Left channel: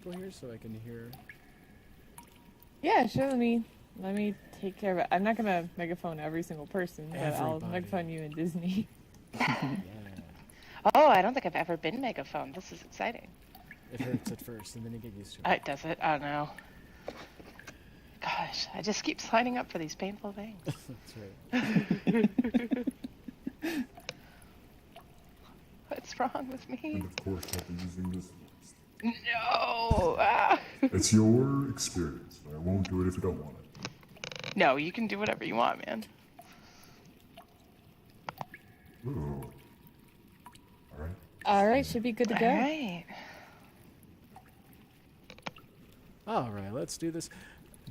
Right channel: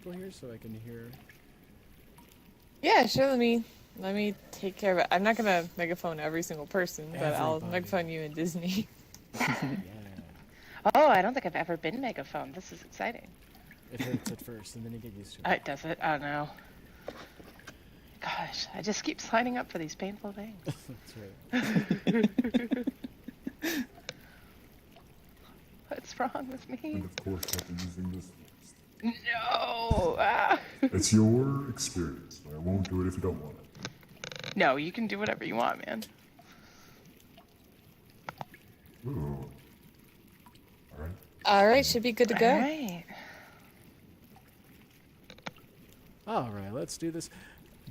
people here so I can hear? Yeah, sure. Let me take care of it. I'm not gonna megaphone every single person, but I'll Everybody. megaphone you in Disney. Yeah. Oh, I don't think I've ever been megaphone. This is exciting. It hurts at first, and then you get used to it. Does it? Oh no. Gosh, I just keep signing up for these painful things. That's right. What's wrong with me? And of course, I'll be using this. No. Ah. It's your experience. I won't do it if you don't want it. No, you can do whatever you want, man. Ooh. All right. All right, should be good to go. All right. All right, let's do this.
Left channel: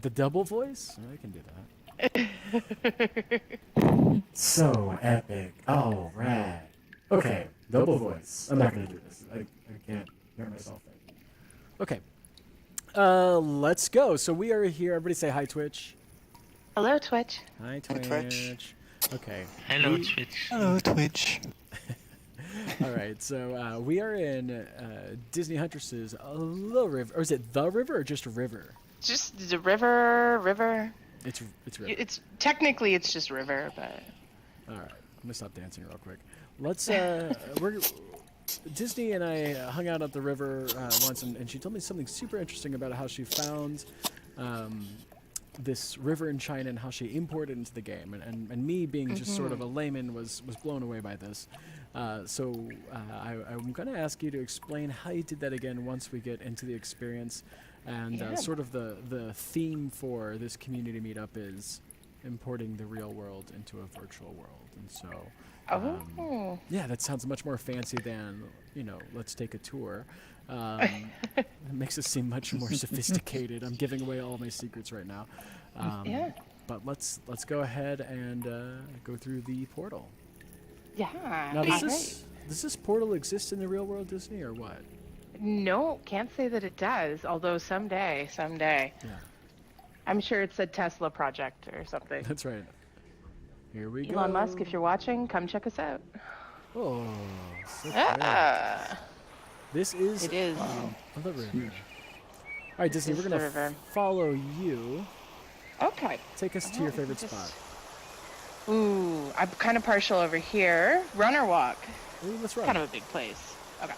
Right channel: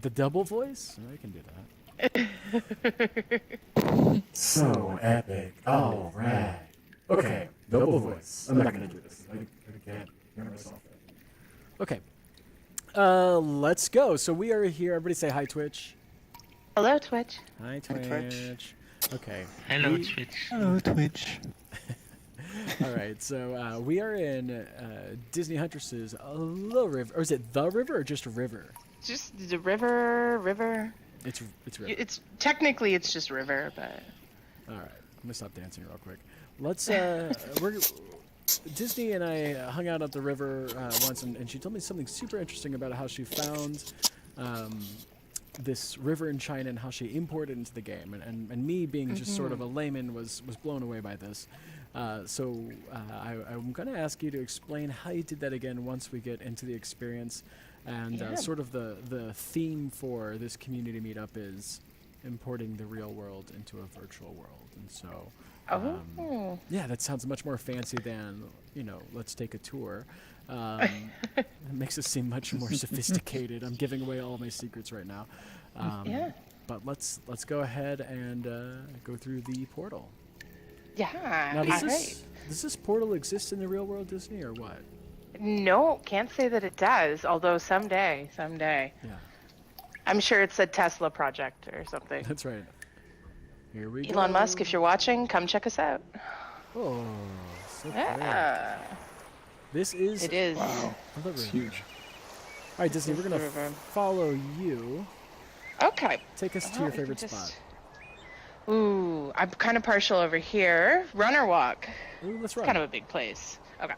The double voice? I can do that. So epic. All right. Okay, double voice. I'm not going to do this. I can't hear myself. Okay. Let's go. So we are here. Everybody say hi, Twitch. Hello, Twitch. Hi, Twitch. Okay. Hello, Twitch. Hello, Twitch. All right, so we are in DisneyHuntress's Little River. Or is it the river or just a river? Just the river. It's river. It's technically it's just river, but. All right, I'm gonna stop dancing real quick. Let's Disney and I hung out at the river once, and she told me something super interesting about how she found this river in China and how she imported it into the game. And me being just sort of a layman was blown away by this. So I'm going to ask you to explain how you did that again once we get into the experience. And sort of the theme for this community meetup is importing the real world into a virtual world. And so, yeah, that sounds much more fancy than, let's take a tour. It makes us seem much more sophisticated. I'm giving away all my secrets right now. But let's go ahead and go through the portal. Yeah. Now, does this portal exist in the real world, Disney, or what? No, can't say that it does. Although someday. Yeah. I'm sure it's a Tesla project or something. That's right. Here we go. Elon Musk, if you're watching, come check us out. Oh, so great. Yeah. This is... It is. The river. Huge. All right, Disney, we're going to follow you. Okay. Take us to your favorite spot. Ooh, I'm kind of partial over here. Run or walk? Ooh, let's run. Kind of a big place. Okay.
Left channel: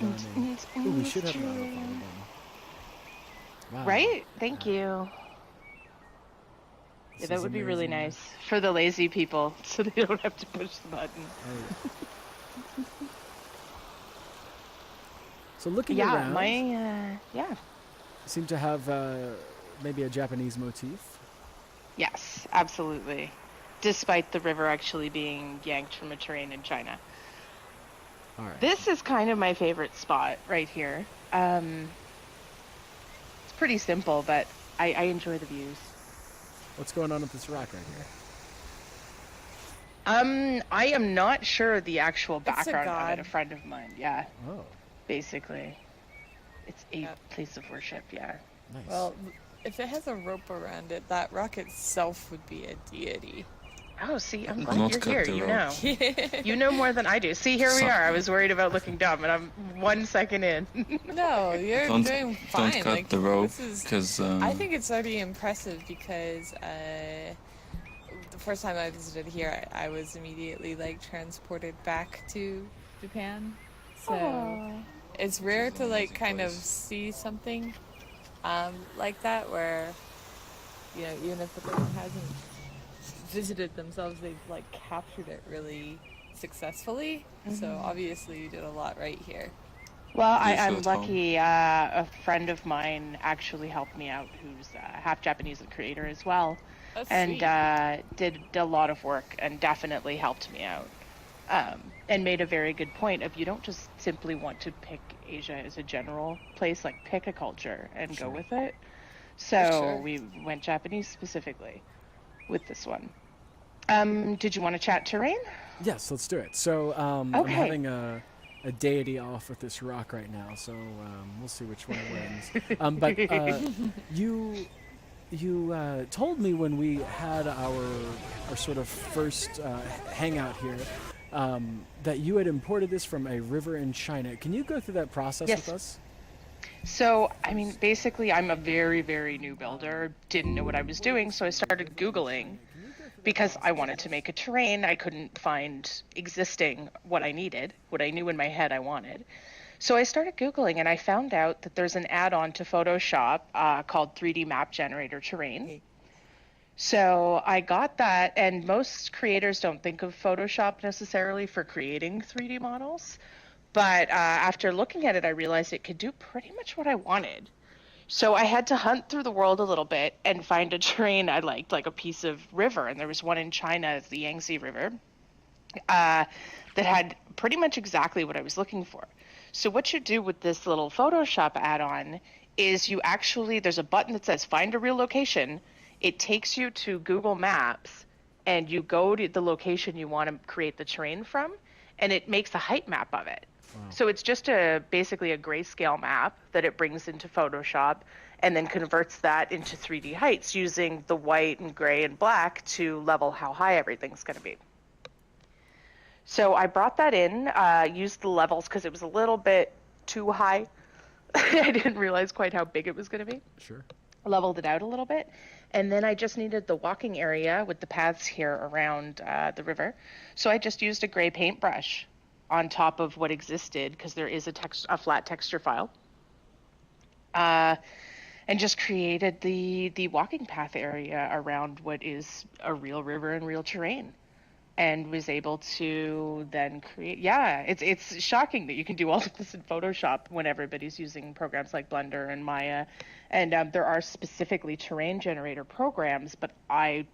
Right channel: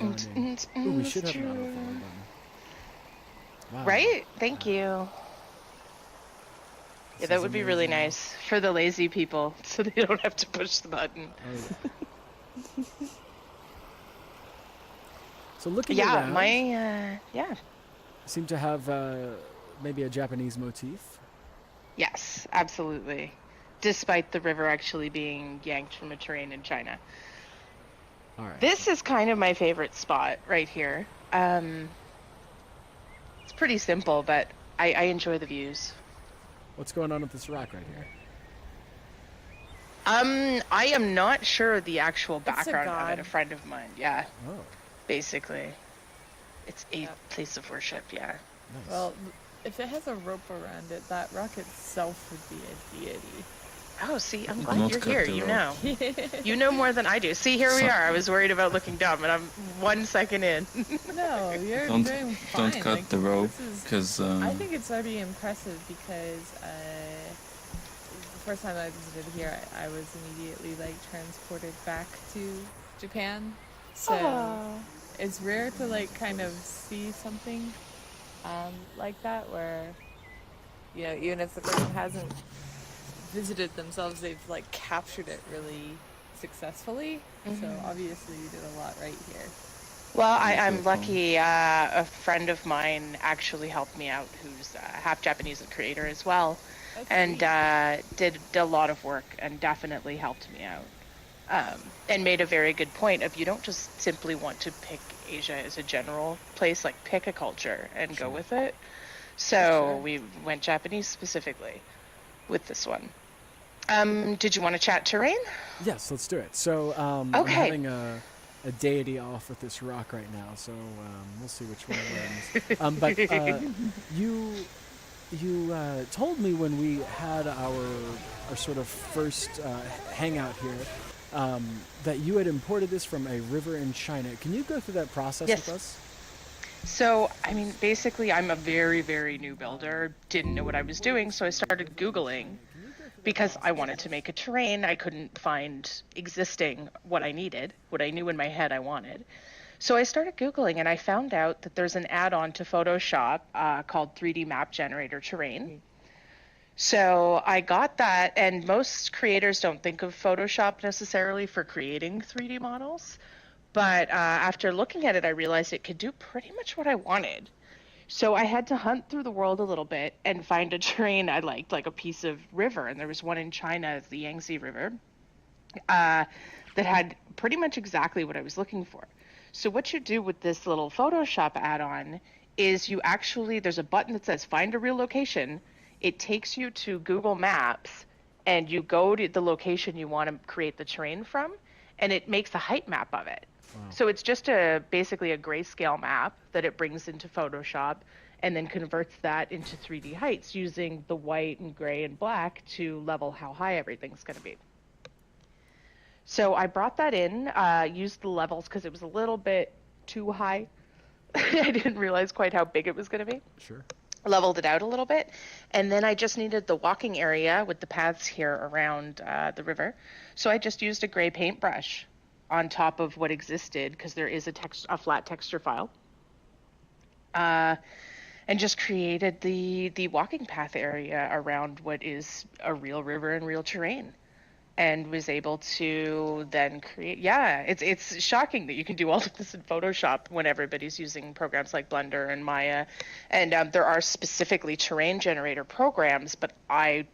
Running. Ooh, we should have an auto follow button. Wow. Right? Thank you. Yeah, that would be really nice for the lazy people, so they don't have to push the button. Oh yeah. So looking around, yeah. seem to have maybe a Japanese motif. Yes, absolutely. Despite the river actually being yanked from a terrain in China. All right. This is kind of my favorite spot right here. It's pretty simple, but I enjoy the views. What's going on with this rock right here? I am not sure the actual background of god. it. A friend of mine, yeah. Oh, Basically. It's a place of worship, yeah. nice. Well, if it has a rope around it, that rock itself would be a deity. Oh, see, I'm Not glad you're cut here. the You rope. know. You know more than I do. See, here we are. I was worried about looking dumb, and I'm 1 second in. No, you're Don't- doing fine. Don't cut like, the rope, this is- because I think it's already impressive because the first time I visited here, I was immediately transported back to Japan. So it's rare to kind of see something like that where even if the person hasn't visited themselves, they've captured it really successfully. So obviously you did a lot right here. Well, You I'm should lucky. A friend of mine actually helped me out, who's half Japanese and creator as well, That's and sweet. did a lot of work and definitely helped me out. And made a very good point of you don't just simply want to pick Asia as a general place, pick a culture and go with it. So we went Japanese specifically with this one. Did you want to chat terrain? Yes, let's do it. So I'm Okay. having a deity off with this rock right now, so we'll see which one wins. But you told me when we had our sort of first hangout here that you had imported this from a river in China. Can you go through that process Yes. with us? So, I mean, basically, I'm a very, very new builder, didn't know what I was doing, so I started Googling because I wanted to make a terrain. I couldn't find existing what I needed, what I knew in my head I wanted. So I started Googling and I found out that there's an add-on to Photoshop called 3D Map Generator Terrain. So I got that, and most creators don't think of Photoshop necessarily for creating 3D models. But after looking at it, I realized it could do pretty much what I wanted. So I had to hunt through the world a little bit and find a terrain I liked, like a piece of river. And there was one in China, the Yangtze River, that had pretty much exactly what I was looking for. So what you do with this little Photoshop add-on is you actually, there's a button that says find a real location. It takes you to Google Maps, and you go to the location you want to create the terrain from, and it makes a height map of it. Wow. So it's just basically a grayscale map that it brings into Photoshop and then converts that into 3D heights using the white and gray and black to level how high everything's going to be. So I brought that in, used the levels because it was a little bit too high. I didn't realize quite how big it was going to be. Sure. Leveled it out a little bit. And then I just needed the walking area with the paths here around the river. So I just used a gray paintbrush on top of what existed, because there is a flat texture file, and just created the walking path area around what is a real river and real terrain, and was able to then create. Yeah, it's shocking that you can do all of this in Photoshop when everybody's using programs like Blender and Maya, and there are specifically terrain generator programs, but I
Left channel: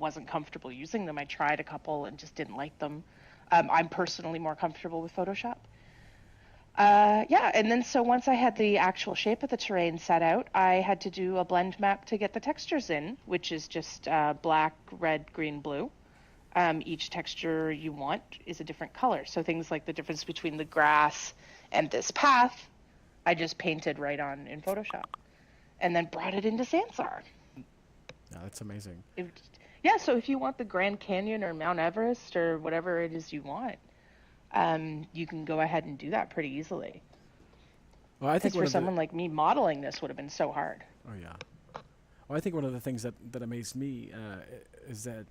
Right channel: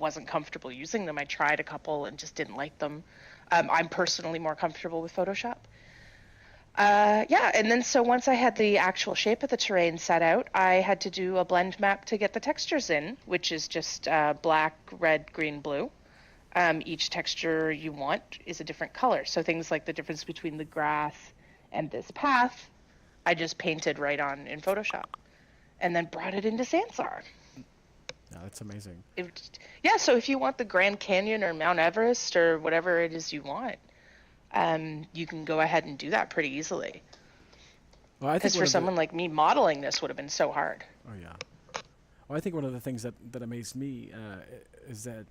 wasn't comfortable using them. I tried a couple and just didn't like them. I'm personally more comfortable with Photoshop. Yeah, and then so once I had the actual shape of the terrain set out, I had to do a blend map to get the textures in, which is just black, red, green, blue. Each texture you want is a different color. So things like the difference between the grass and this path, I just painted right on in Photoshop and then brought it into Sansar. Yeah, that's amazing. Yeah, so if you want the Grand Canyon or Mount Everest or whatever it is you want, you can go ahead and do that pretty easily. Well, I think for someone like me, modeling this would have been so hard. Oh, yeah. Well, I think one of the things that amazed me is that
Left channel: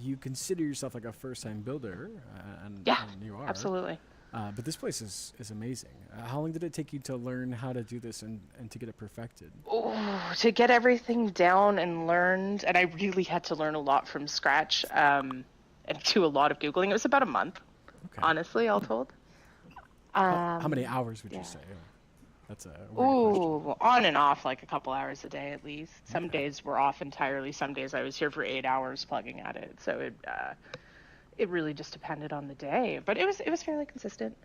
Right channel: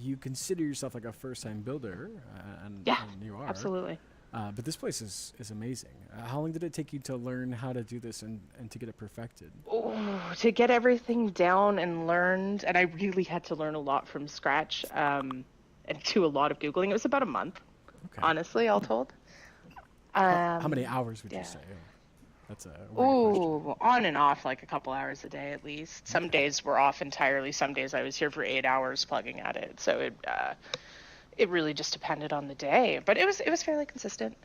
you consider yourself like a first-time builder, and you are. Absolutely. But this place is amazing. How long did it take you to learn how to do this and to get it perfected? Oh, to get everything down and learned, and I really had to learn a lot from scratch, and do a lot of Googling. It was about a month, honestly, all told. How many hours would you say? That's a weird question. On and off, like a couple hours a day at least. Some days were off entirely. Some days I was here for 8 hours plugging at it. So it really just depended on the day, but it was fairly consistent.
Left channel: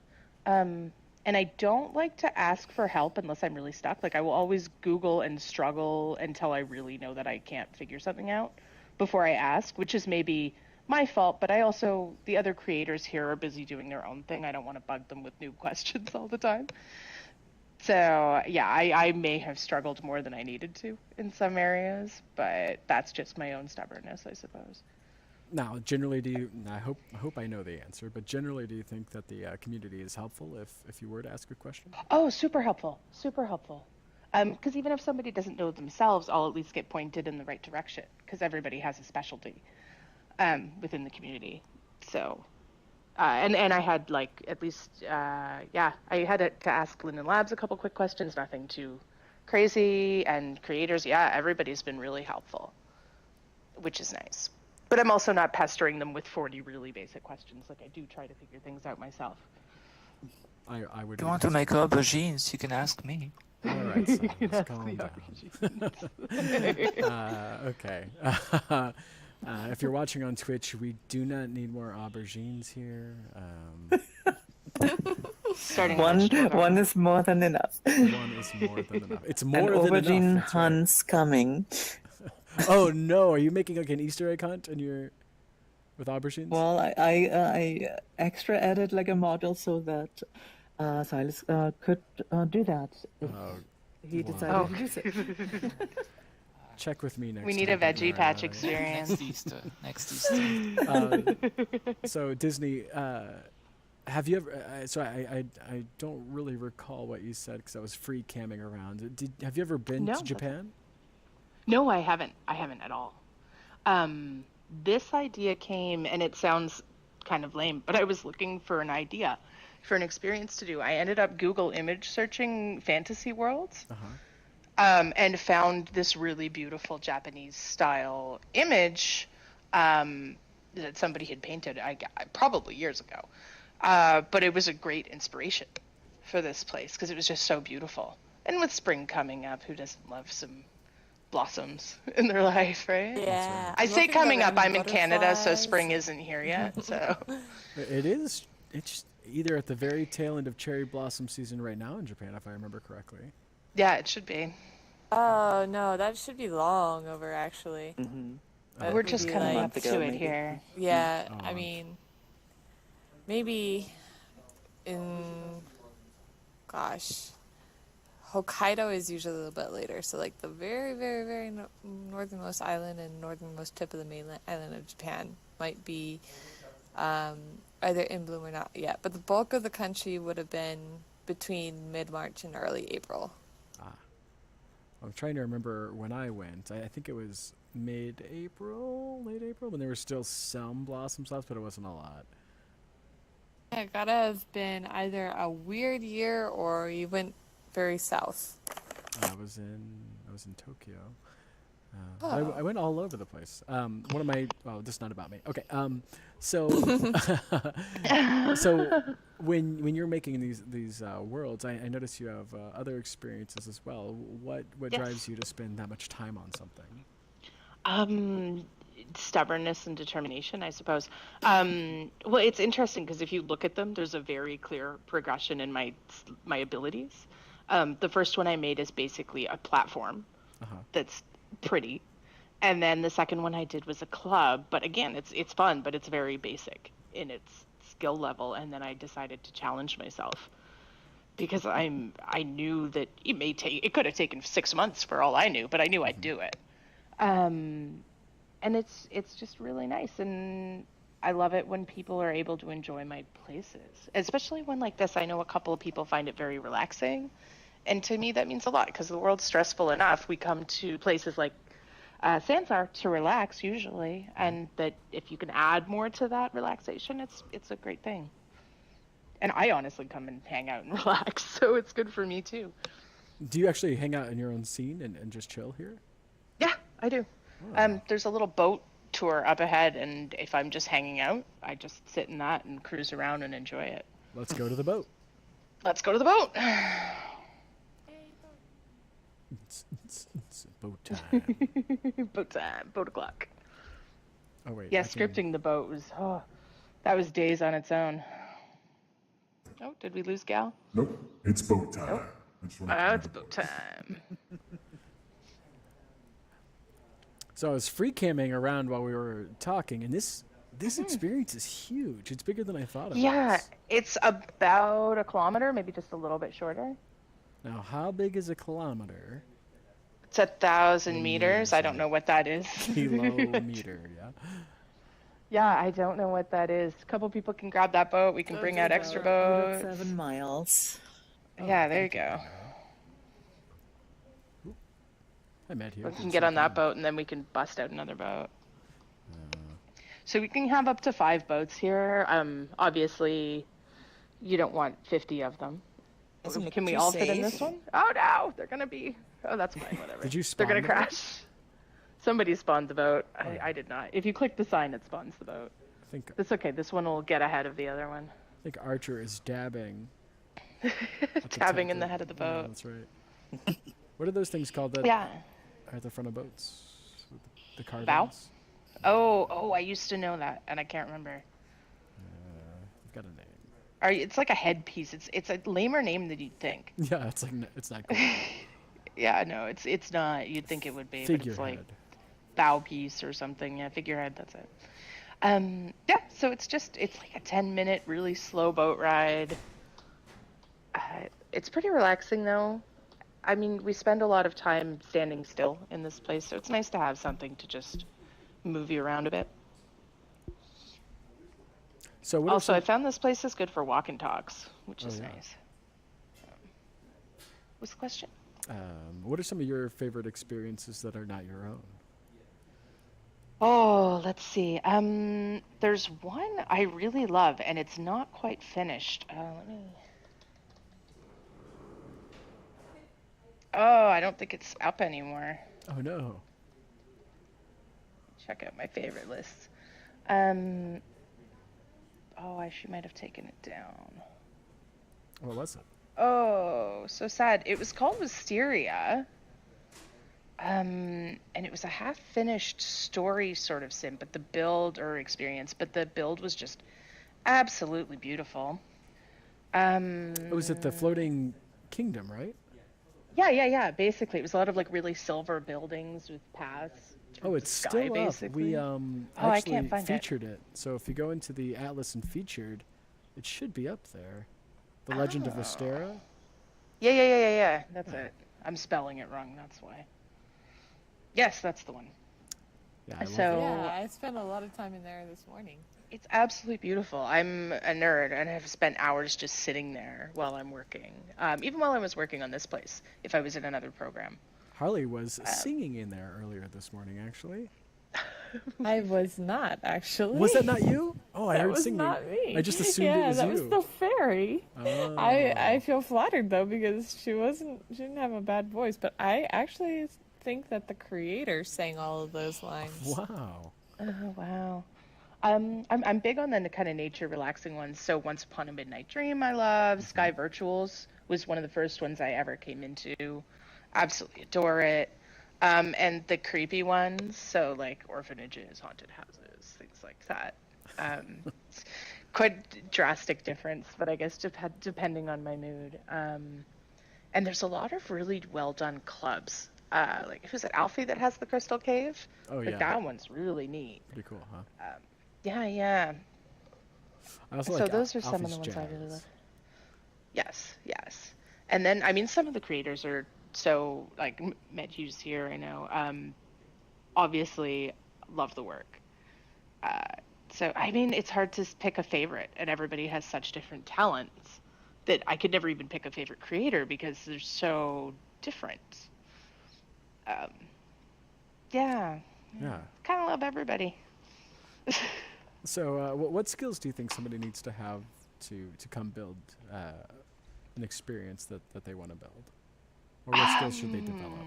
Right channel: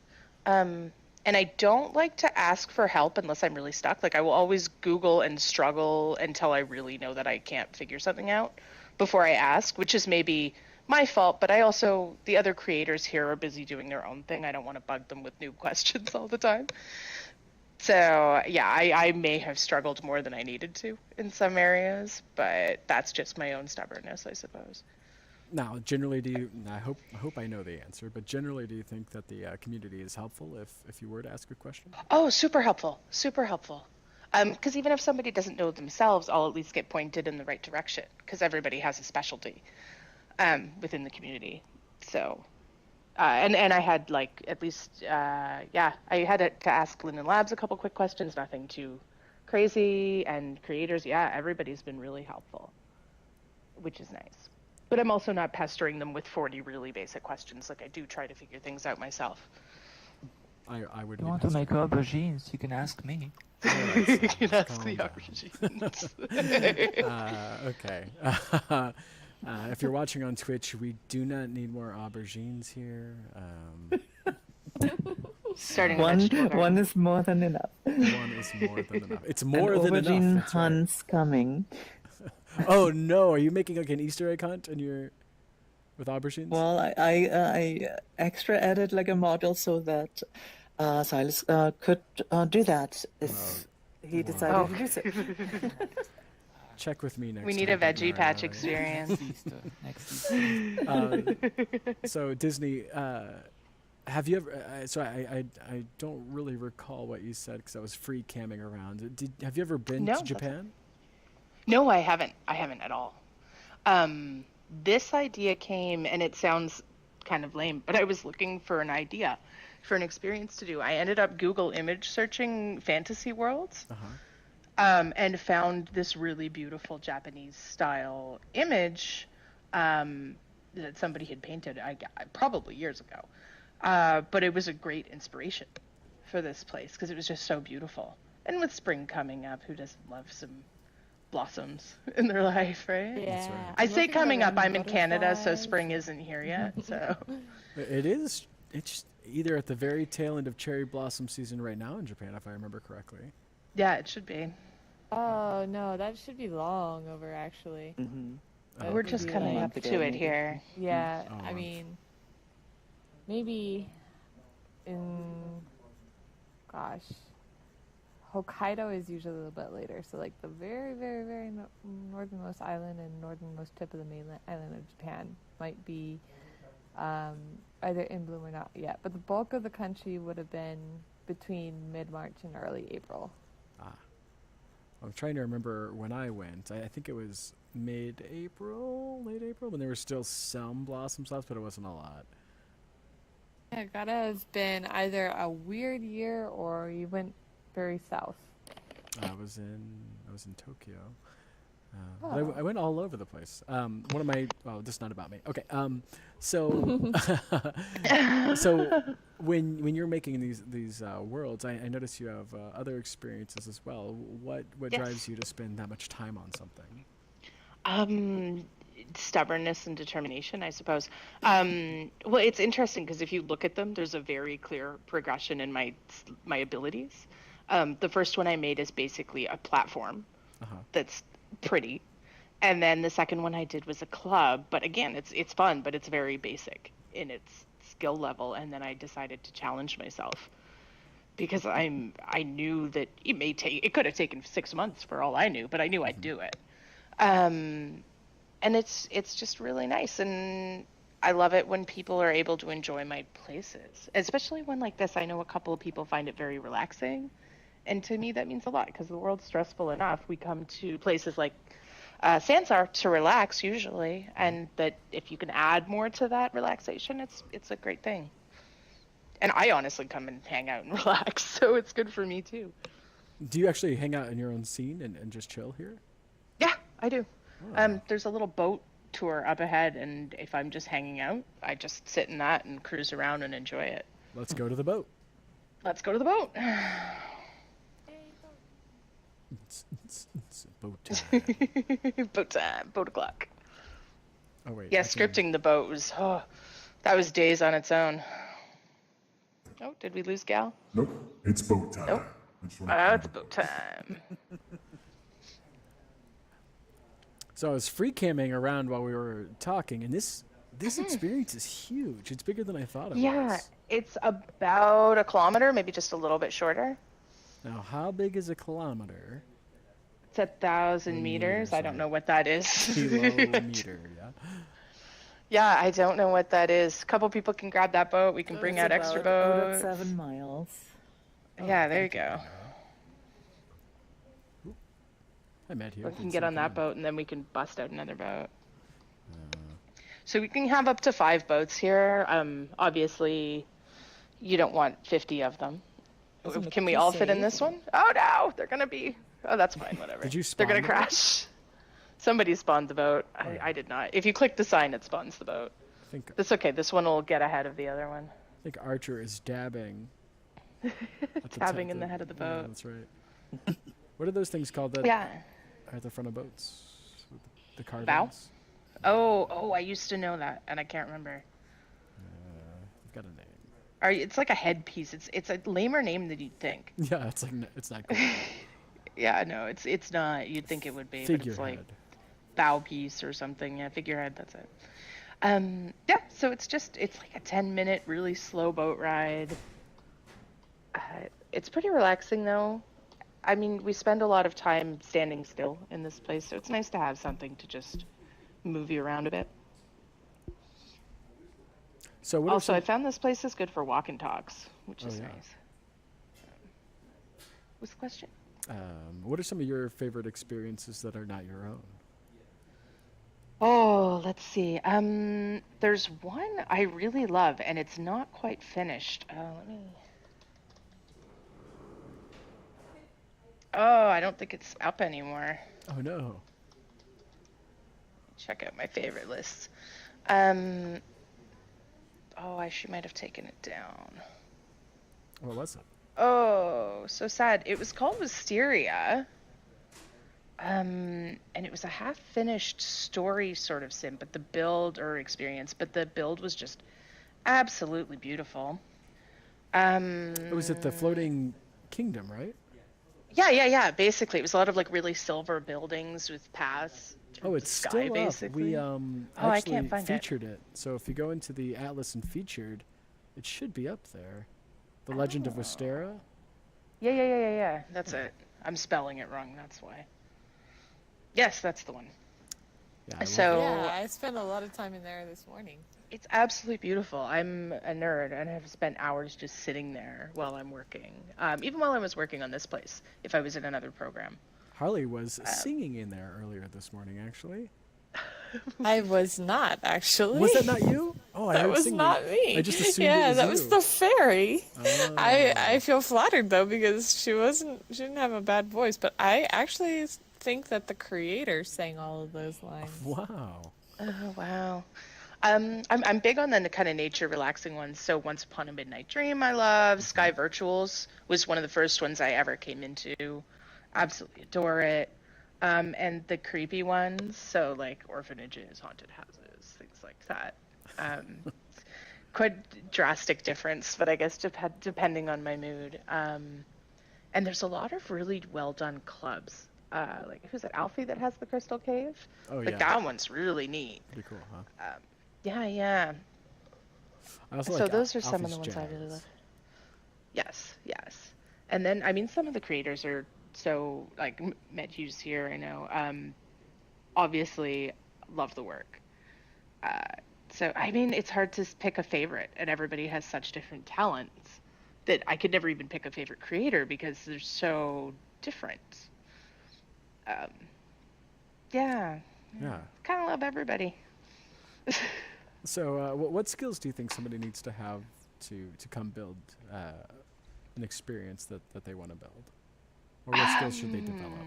And I don't like to ask for help unless I'm really stuck. Like I will always Google and struggle until I really know that I can't figure something out before I ask, which is maybe my fault, but the other creators here are busy doing their own thing. I don't want to bug them with new questions all the time. So yeah, I may have struggled more than I needed to in some areas, but that's just my own stubbornness, I suppose. Now, generally, I hope I know the answer, but generally, do you think that the community is helpful if you were to ask a question? Oh, super helpful. Because even if somebody doesn't know themselves, I'll at least get pointed in the right direction, because everybody has a specialty within the community. So, and I had at least, I had to ask Linden Labs a couple quick questions, nothing too crazy, and creators, everybody's been really helpful, which is nice. But I'm also not pestering them with 40 really basic questions. Like I do try to figure things out myself. I would. If you want to make aubergines, you can ask me. All right, You can ask the aubergines. Okay. If you're watching on Twitch, we do not need more aubergines here. Starting one is more than enough. One is more than enough. It's more than enough. Aubergine That's right. hunt's coming. Oh no! Are you making like an Easter egg hunt with aubergines? Well, I extra added like a model so that Silas could do that if he decided to do so. check with me next. We time need a when veggie you're, patch yeah. experience. Next Easter. Next Easter. So Disney, have you ever? So I don't really recall what you said because I was free camming around. Have you ever been No, to that's Japan? No, I haven't. I haven't at all. This idea came, and it sounds kind of lame, but I was looking for an idea for an experience to do. I ended up Google image searching fantasy worlds, and found this really beautiful Japanese style image that somebody had painted, probably years ago. But it was a great inspiration for this place because it was just so beautiful. And with spring coming up, who doesn't love some blossoms in their life, right? Yeah. right. I say Looking at coming the up, I'm in Canada, so butterflies. spring isn't here yet. So It is. It's either at the very tail end of cherry blossom season right now in Japan, if I remember correctly. yeah, it should be. Oh no, that should be long over actually. But We're just maybe, coming like, up to it here. Yeah, Oh, I mean, maybe in, gosh, Hokkaido is usually a little bit later. So like the very, very, very northernmost island and northernmost tip of the mainland island of Japan might be either in bloom or not yet. But the bulk of the country would have been between mid-March and early April. I'm trying to remember when I went. I think it was mid-April, late April, when there were still some blossoms left, but it wasn't a lot. Yeah, it gotta have been either a weird year or you went very south. I was in Tokyo. But I went all over the place. One of my this is not about me. Okay. So so when you're making these worlds, I notice you have other experiences as well. What Yes. drives you to spend that much time on something? Stubbornness and determination, I suppose. Well, it's interesting because if you look at them, there's a very clear progression in my abilities. The first one I made is basically a platform that's pretty, and then the second one I did was a club. But again, it's fun, but it's very basic in its skill level. And then I decided to challenge myself because I knew that it could have taken 6 months for all I knew, but I knew I'd do it. And it's just really nice, and I love it when people are able to enjoy my places, especially when like this. I know a couple of people find it very relaxing, and to me that means a lot because the world's stressful enough. We come to places like Sansar to relax usually, and that if you can add more to that relaxation, it's a great thing. And I honestly come and hang out and relax, so it's good for me too. Do you actually hang out in your own scene and just chill here? Yeah, I do. There's a little boat tour up ahead, and if I'm just hanging out, I just sit in that and cruise around and enjoy it. Let's go to the boat. Let's go to the boat. It's boat time. Boat time. Boat o'clock. Oh wait. Yeah, I can- scripting the boat was that was days on its own. Oh, did we lose Gal? Nope, it's boat time. I just wanna Oh, clear it's the boat boat. time. So I was free camming around while we were talking, and this experience is huge. It's bigger than I thought it Yeah, was. it's about a kilometer, maybe just a little bit shorter. Now, how big is a kilometer? It's 1,000 meters. I don't right. know what that is. Kilometer, yeah. Yeah, I don't know what that is. A couple people can grab that boat. We can So bring it's out extra About boats. 7 miles. Yeah, there you go. I met you. We can get on that boat, and then we can bust out another boat. So we can have up to 5 boats here. Obviously, you don't want 50 of them. Doesn't look Can we too all fit in safe. this one? Oh no, they're gonna be. Oh, that's fine. Whatever. Did you They're spawn gonna the boat? crash. Somebody spawned the boat. I did not. If you click the sign, it spawns the boat. I think That's okay. This one will get ahead of the other one. Archer is dabbing. at the Dabbing tent in the head of the Yeah, boat. that's right. What are those things called that Yeah. are at the front of boats? With the carvings? Bow? Oh, I used to know that, and I can't remember. I've got a name. It's like a headpiece. It's a lamer name than you'd think. Yeah, it's like it's not cool. Yeah, no, it's not. You'd think it would be, but it's like Figurehead. bow piece or something. Yeah, figurehead. That's it. Yeah. So it's like a 10-minute really slow boat ride. It's pretty relaxing though. I mean, we spend a lot of time standing still in this place, so it's nice to have something to just move you around a bit. So what Also, are I some... found this place is good for walk and talks, which is yeah. nice. What's the question? What are some of your favorite experiences that are not your own? Oh, let's see. There's one I really love, and it's not quite finished. Let me. Oh, I don't think it's up anymore. Oh no. Check out my favorite list. She might have taken it down. What was it? Oh, so sad. It was called Wisteria. And it was a half-finished story sort of sim, but the build was just absolutely beautiful. Was it the floating kingdom, right? Yeah. Basically, it was a lot of like really silver buildings with paths. Oh, it's sky, still up. basically. We I actually can't find it. featured it. So if you go into the Atlas and featured, it should be up there. The Legend of Wisteria. Yeah. That's it. I'm spelling it wrong. That's why. Yes, that's the one. Yeah, I love So- it. Yeah, I spent a lot of time in there this morning. It's absolutely beautiful. I'm a nerd and have spent hours just sitting there while I'm working. Even while I was working on this place, if I was in another program. Harley was singing in there earlier this morning, actually. I was not, actually. Was that not you? Oh, I That heard was singing. not me. I just assumed yeah, it was that you. was the fairy. Oh. I feel flattered though because she didn't have a bad voice, but I actually think that the creator sang all of those lines. Wow. Oh, wow. I'm big on the kind of nature relaxing ones. So Once Upon a Midnight Dream I love. Sky Virtuals was one of the first ones I ever came into. Absolutely adore it. And the creepy ones, so like orphanages, haunted houses, things like that. Quite drastic difference, but I guess depending on my mood. And there's a lot of really well done clubs. Like who's it, Alfie, that has the Crystal Cave? Oh, Like yeah. that one's really neat. Pretty cool, huh? Yeah. I also So like those are some of Alfie's the ones I really Jazz. love. Yes. And then, I mean, some of the creators are so, like, Med Hughes here, I know, obviously love the work. So, I mean, it's hard to pick a favorite, and everybody has such different talents that I could never even pick a favorite creator because they're so different. Yeah. Yeah. Kind of love everybody. So, what skills do you think somebody needs to have to come build an experience that they want to build? Or what skills should they develop?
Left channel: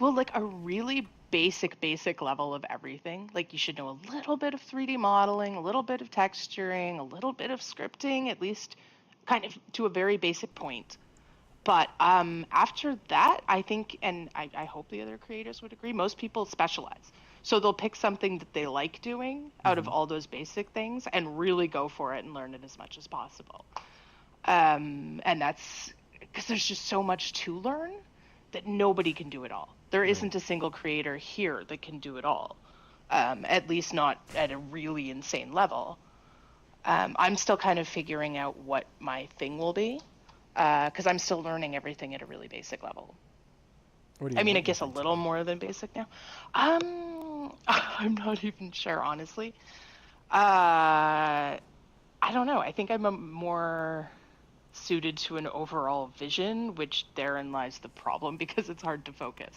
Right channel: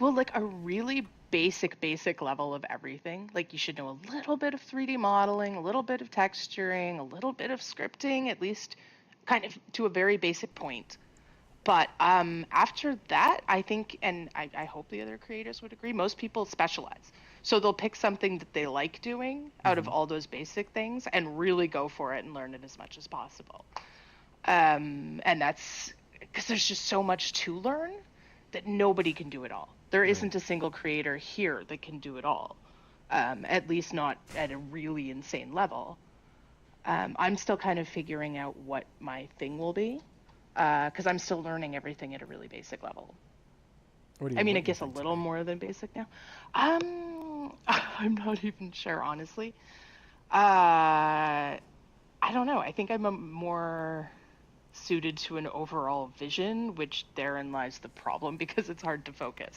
Well, like a really basic level of everything. Like you should know a little bit of 3D modeling, a little bit of texturing, a little bit of scripting, at least kind of to a very basic point. But after that, I think, and I hope the other creators would agree, most people specialize. So they'll pick something that they like doing out of all those basic things and really go for it and learn it as much as possible. And that's because there's just so much to learn that nobody can do it all. There isn't a single creator here that can do it all, at least not at a really insane level. I'm still kind of figuring out what my thing will be, because I'm still learning everything at a really basic level. I mean, I guess a little more than basic now. I'm not even sure, honestly. I don't know. I think I'm more suited to an overall vision, which therein lies the problem because it's hard to focus.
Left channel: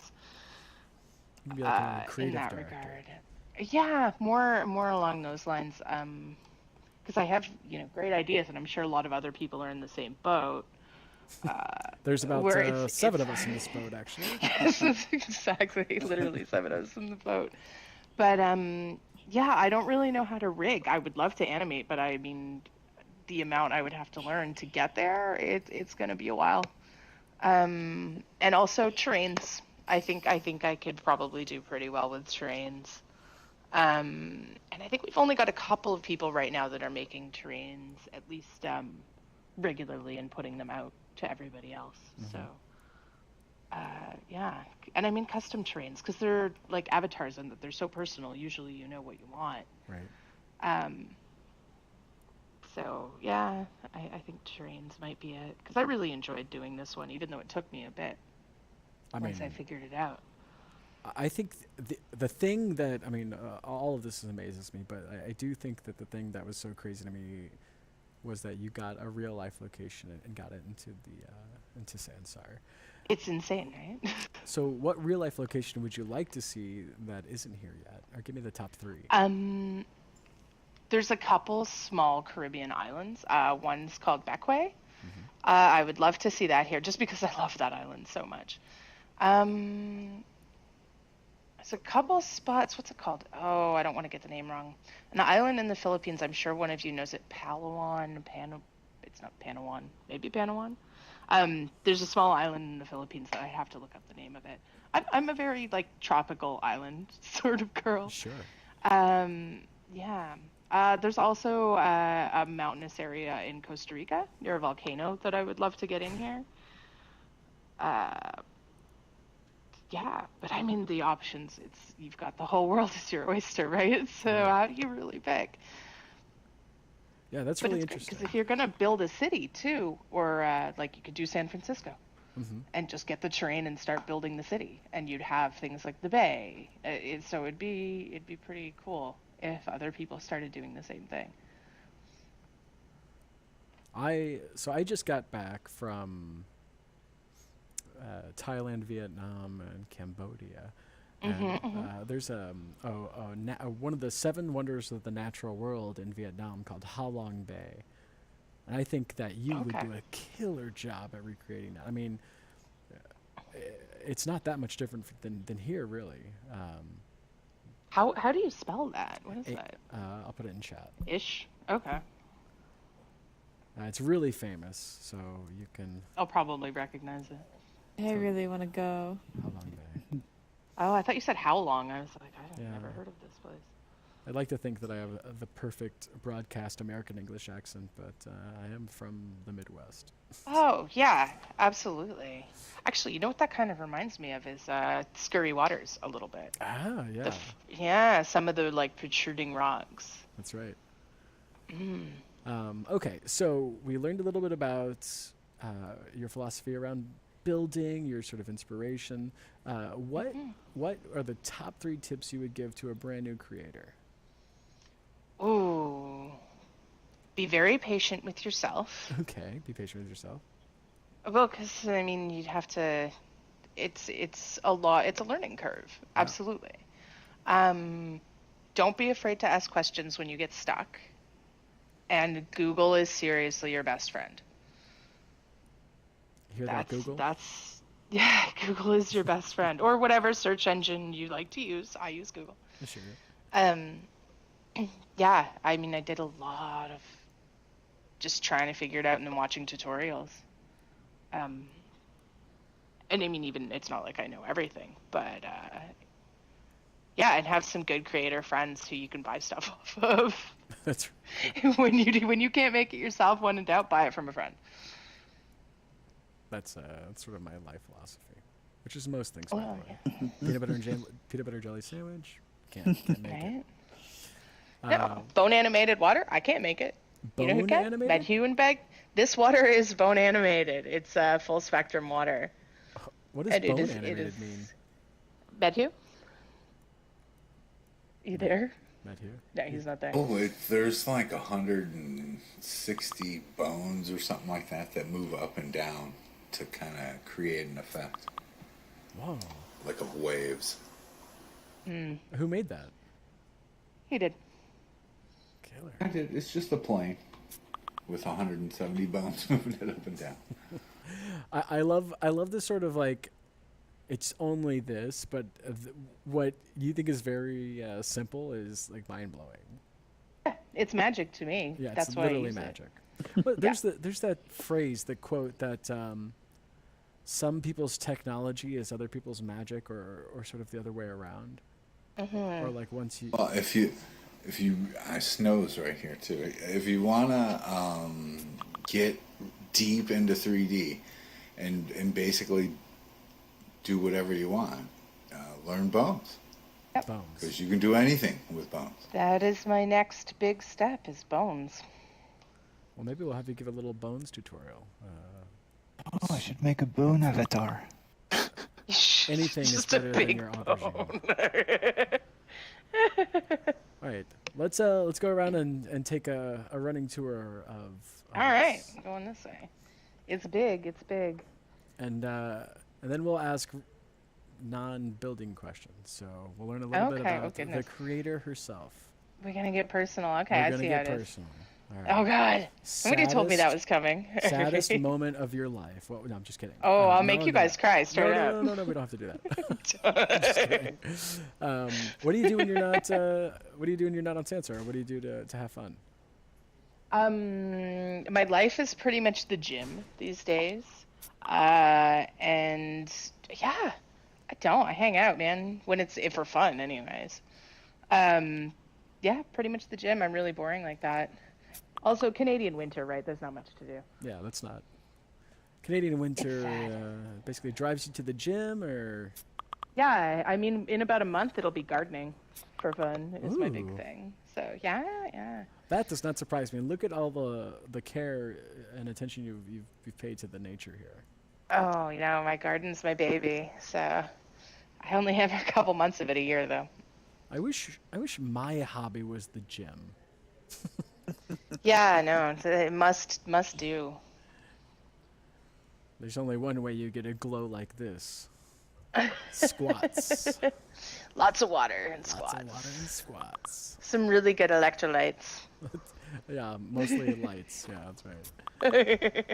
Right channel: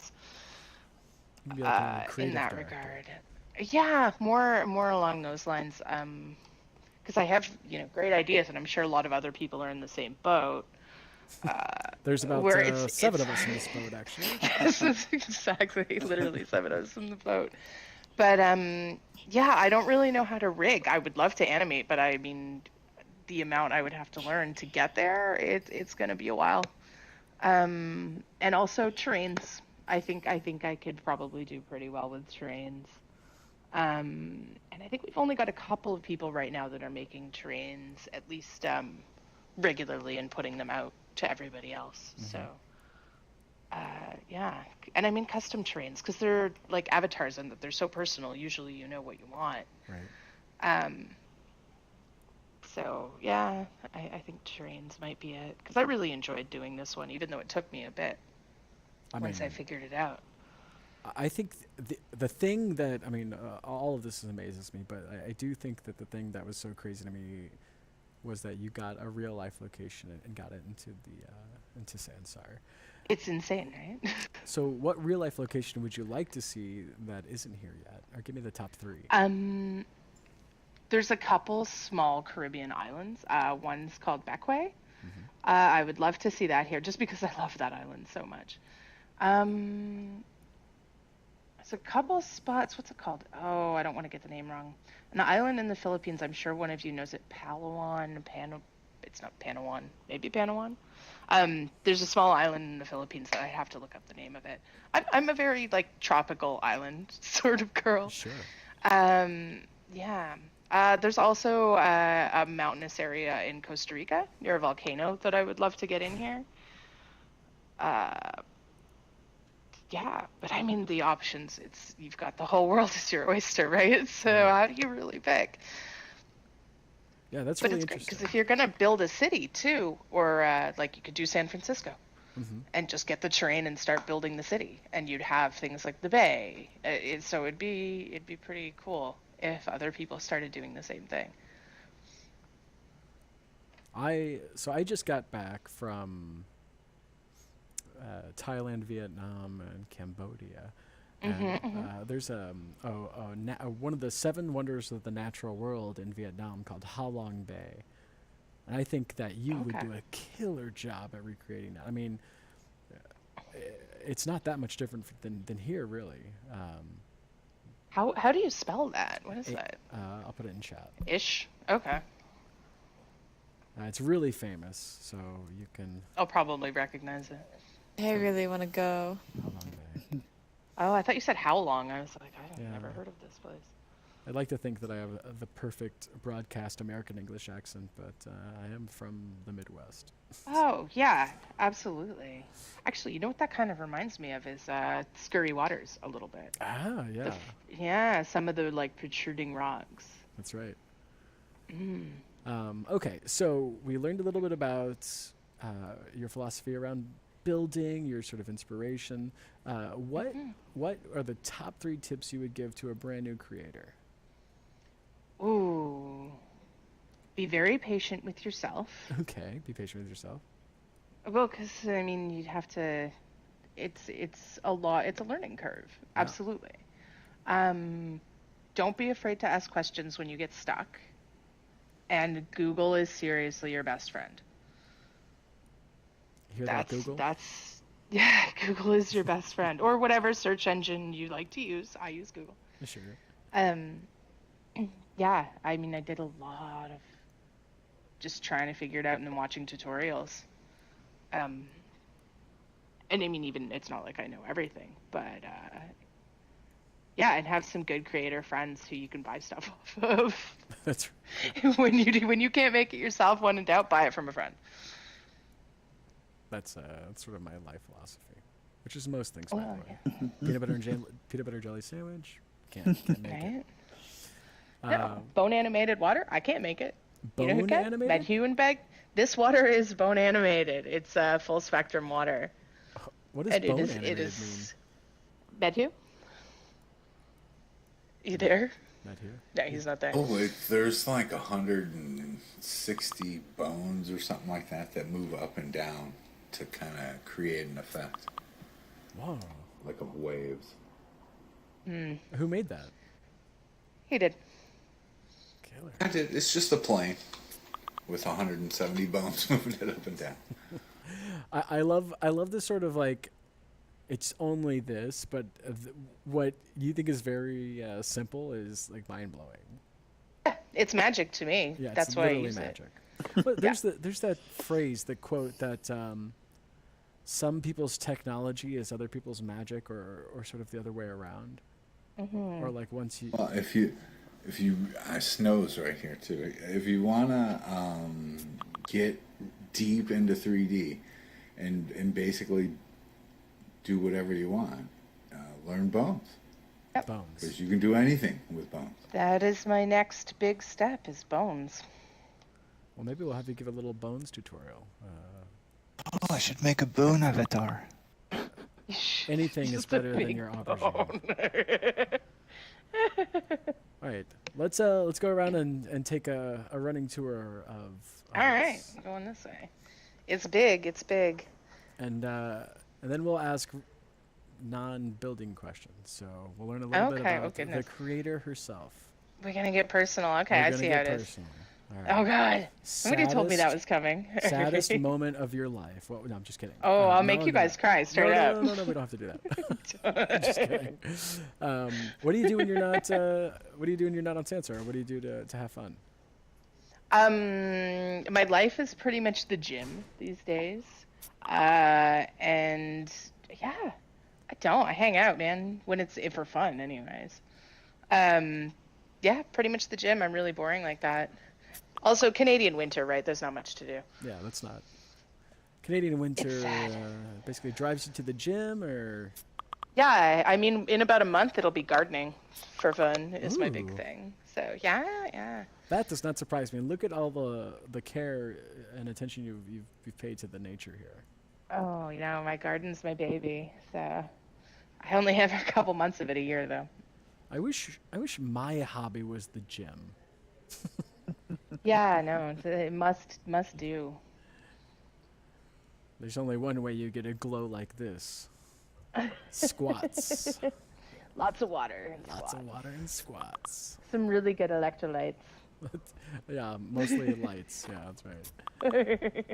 You can be like a In creative that director. regard. Yeah, more along those lines. Because I have great ideas, and I'm sure a lot of other people are in the same boat. There's about where it's- 7 of us in this boat, actually. Yes, exactly. Literally 7 of us in the boat. But yeah, I don't really know how to rig. I would love to animate, but I mean, the amount I would have to learn to get there, it's going to be a while. And also terrains. I think I could probably do pretty well with terrains. And I think we've only got a couple of people right now that are making terrains at least regularly and putting them out to everybody else. So yeah, and I mean custom terrains because they're like avatars and they're so personal. Usually you know what you want. Right. So yeah, I think terrains might be it, because I really enjoyed doing this one, even though it took me a bit I once I mean, figured it out. I think the thing that I mean, all of this amazes me, but I do think that the thing that was so crazy to me was that you got a real life location and got it into Sansar. It's insane, right? So, what real life location would you like to see that isn't here yet? Or give me the top three. There's a couple small Caribbean islands. One's called Bequia. Mm-hmm. I would love to see that here, just because I love that island so much. There's a couple spots. What's it called? Oh, I don't want to get the name wrong. An island in the Philippines. I'm sure one of you knows it. Palawan. It's not Panawan. Maybe Panawan. There's a small island in the Philippines that I have to look up the name of it. I'm a very like tropical island sort of girl. Sure. Yeah. There's also a mountainous area in Costa Rica near a volcano that I would love to get in here. Yeah, but I mean the options. You've got the whole world as your oyster, right? So how do you really pick? Yeah, that's But really it's good interesting. because if you're gonna build a city too, or like you could do San Francisco, Mm-hmm. and just get the terrain and start building the city, and you'd have things like the bay. So it'd be pretty cool if other people started doing the same thing. I just got back from Thailand, Vietnam, and Cambodia. And there's one of the seven wonders of the natural world in Vietnam called Ha Long Bay. And I think that you would Okay. do a killer job at recreating that. I mean, it's not that much different than here, really. How do you spell that? What is It- that? I'll put it in chat. Ish. Okay. It's really famous, so you can. I'll probably recognize it. I really want to go. Ha Long Bay. Oh, I thought you said how long. I was like, I've Yeah. never heard of this place. I'd like to think that I have the perfect broadcast American English accent, but I am from the Midwest. Oh, yeah, absolutely. Actually, you know what that kind of reminds me of is Scurry Waters a little bit. Ah, yeah, Yeah, some of the like protruding rocks. that's right. Okay, so we learned a little bit about your philosophy around building, your sort of inspiration. What are the top three tips you would give to a brand new creator? Ooh. Be very patient with yourself. Okay, be patient with yourself. Well, because I mean, you'd have to. It's a lot. It's a learning curve. Yeah. Absolutely. Don't be afraid to ask questions when you get stuck. And Google is seriously your best friend. Hear that, Google? Yeah, Google is your best friend, or whatever search engine you like to use. I use Google. Sure. Yeah, I mean, I did a lot of just trying to figure it out and then watching tutorials. And I mean, even it's not like I know everything, but yeah, and have some good creator friends who you can buy stuff off of. That's when you can't make it yourself, when in doubt, buy it from a friend. that's sort of my life philosophy, which is most things, by Well, the way. Peanut butter jelly sandwich, can't make it. Right? No, bone animated water, I can't make it. You know who Bone can? animated? Medhu and Beg. This water is bone animated. It's full spectrum water. What does And bone animated mean? Medhu? You there? Matt here? No, he's not there. Oh, there's like 160 bones or something like that move up and down to kind of create an effect, Whoa. like of waves. Who made that? He did. Killer. It's just a plane with 170 bones moving it up and down. I love this sort of like, it's only this, but what you think is very simple is like mind blowing. Yeah, it's magic to me. Yeah, That's it's why I literally use it. magic. But there's that phrase, the quote that some people's technology is other people's magic, or sort of the other way around. Or like once you. Well, if you, Snow's right here too. If you wanna get deep into 3D and basically do whatever you want, learn bones, Bones. because you can do anything with bones. That is my next big step, is bones. Well, maybe we'll have you give a little bones tutorial. Oh, I should make a bone avatar. Anything is Just a better than big your aubergine. bone. All right, let's go around and take a running tour of All right, this. going this way. It's big. It's big. And then we'll ask non-building questions. So we'll learn a little bit Okay, about the goodness. creator herself. We're gonna get personal. Okay, We're I gonna see how get it is. personal. All right. Oh God! Somebody told me that was coming. Saddest moment of your life. Well, no, I'm just kidding. Oh, I'll make no, you no. guys cry straight no, up. No, no, no, we don't have to do that. I'm just kidding. What do you do when you're not? What do you do when you're not on Sansar? What do you do to have fun? My life is pretty much the gym these days, and yeah, I hang out, man, when it's for fun, anyways. Yeah, pretty much the gym. I'm really boring like that. Also, Canadian winter, right? There's not much to do. Yeah, that's not. Canadian winter basically drives you to the gym, or Yeah, I mean, in about a month it'll be gardening for fun is my big Ooh. thing. So yeah. that does not surprise me. Look at all the care and attention you've paid to the nature here. Oh, my garden's my baby. So I only have a couple months of it a year, though. I wish my hobby was the gym. Yeah, no, it must do. There's only one way you get a glow like this. Squats. Lots of water and Lots squats. of water and squats. Some really good electrolytes. Yeah, mostly lights. Yeah, that's right.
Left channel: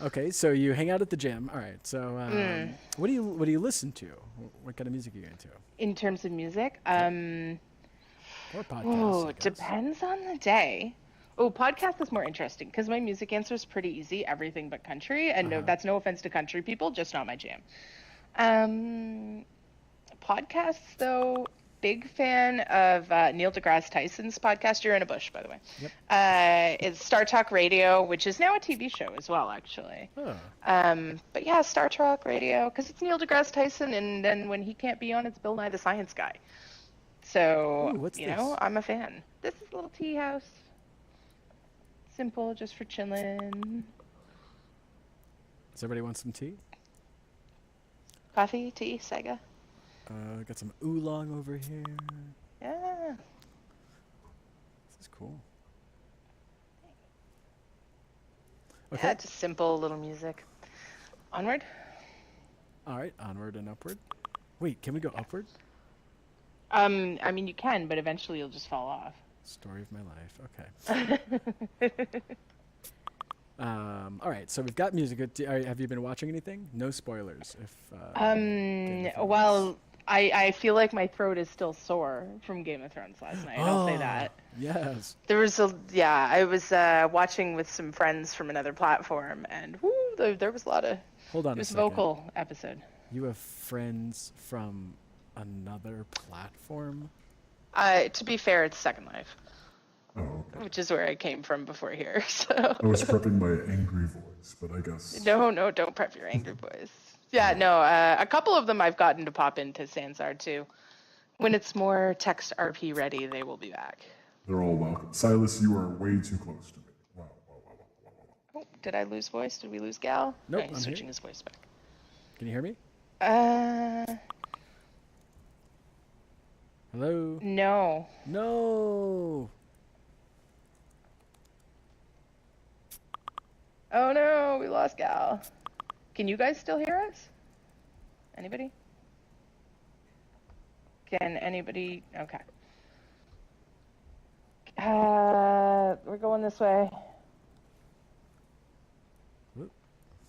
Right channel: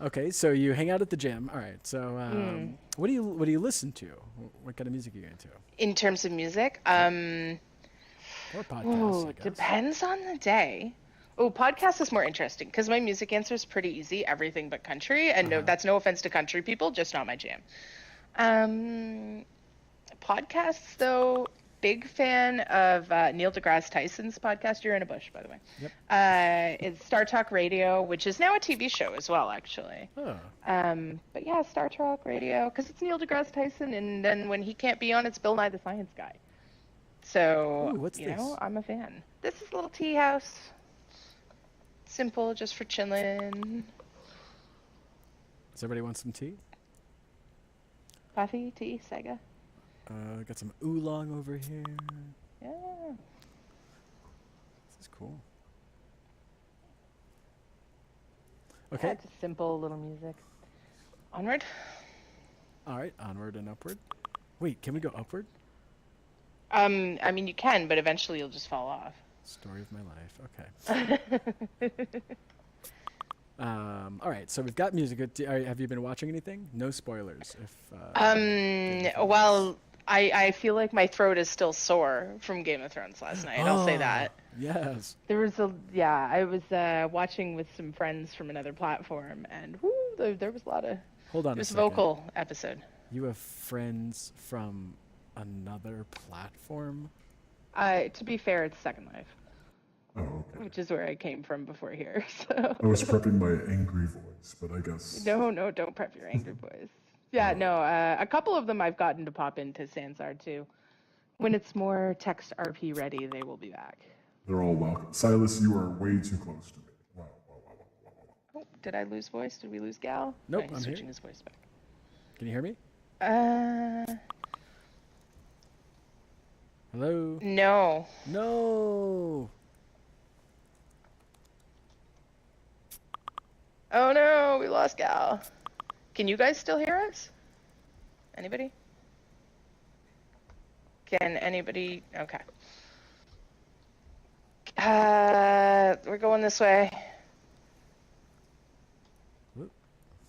Okay, so you hang out at the gym. All right. So, what do you listen to? What kind of music are you into? In terms of music, Or podcasts? I guess. depends on the day. Oh, podcast is more interesting because my music answer is pretty easy, everything but country. And no, that's no offense to country people, just not my jam. Podcasts, though, big fan of Neil deGrasse Tyson's podcast. You're in a bush, by the way. Yep. It's Star Talk Radio, which is now a TV show as well, actually. Oh. But yeah, Star Talk Radio, because it's Neil deGrasse Tyson, and then when he can't be on, it's Bill Nye the Science Guy. So, Ooh, what's this? I'm a fan. This is a little tea house. Simple, just for chilling. Does everybody want some tea? Coffee, tea, Sega. Got some oolong over here. Yeah. This is cool. Yeah, Okay. just simple little music. Onward. All right. Onward and upward. Wait, can we go upward? I mean, you can, but eventually you'll just fall off. Story of my life. Okay. All right. So we've got music. Have you been watching anything? No spoilers. Well, I feel like my throat is still sore from Game of Thrones last night. I'll say that. Yes. There was I was watching with some friends from another platform, and there was a lot of. Hold on It a was a second. vocal episode. You have friends from another platform? To be fair, it's Second Life, Oh, okay. which is where I came from before here. So. I was prepping my angry voice, but I guess. No, don't prep your angry voice. Yeah, no, a couple of them I've gotten to pop into Sansar too. When it's more text RP ready, they will be back. They're all welcome. Silas, you are way too close to me. Wow, wow, wow, wow, wow, wow. Oh, did I lose voice? Did we lose Gal? Nope, No, he's I'm here. switching his voice back. Can you hear me? Hello? No. No! Oh no, we lost Gal. Can you guys still hear us? Anybody? Can anybody? Okay. We're going this way. Whoop.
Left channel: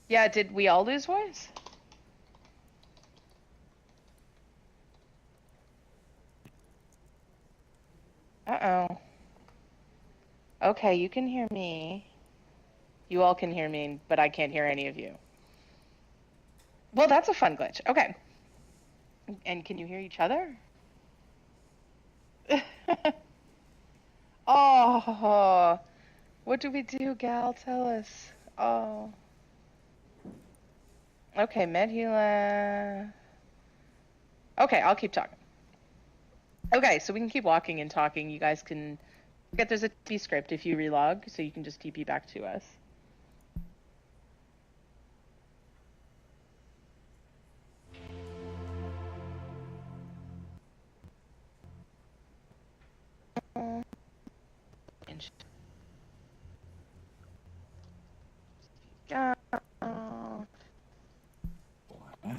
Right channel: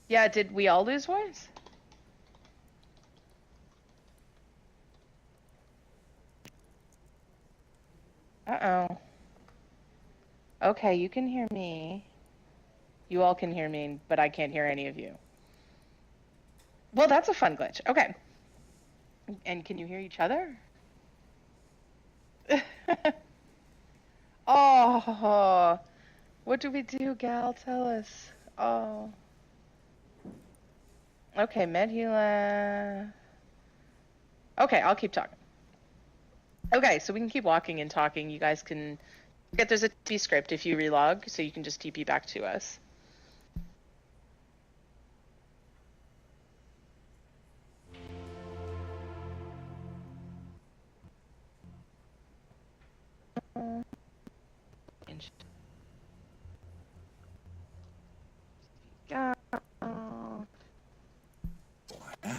Yeah, did we all lose voice? Uh-oh. Okay, you can hear me. You all can hear me, but I can't hear any of you. Well, that's a fun glitch. Okay. And can you hear each other? Oh, what do we do, Gal? Tell us. Oh. Okay, Medhula. Okay, I'll keep talking. Okay, so we can keep walking and talking. You guys can Yeah, there's a TP script if you relog, so you can just TP back to us.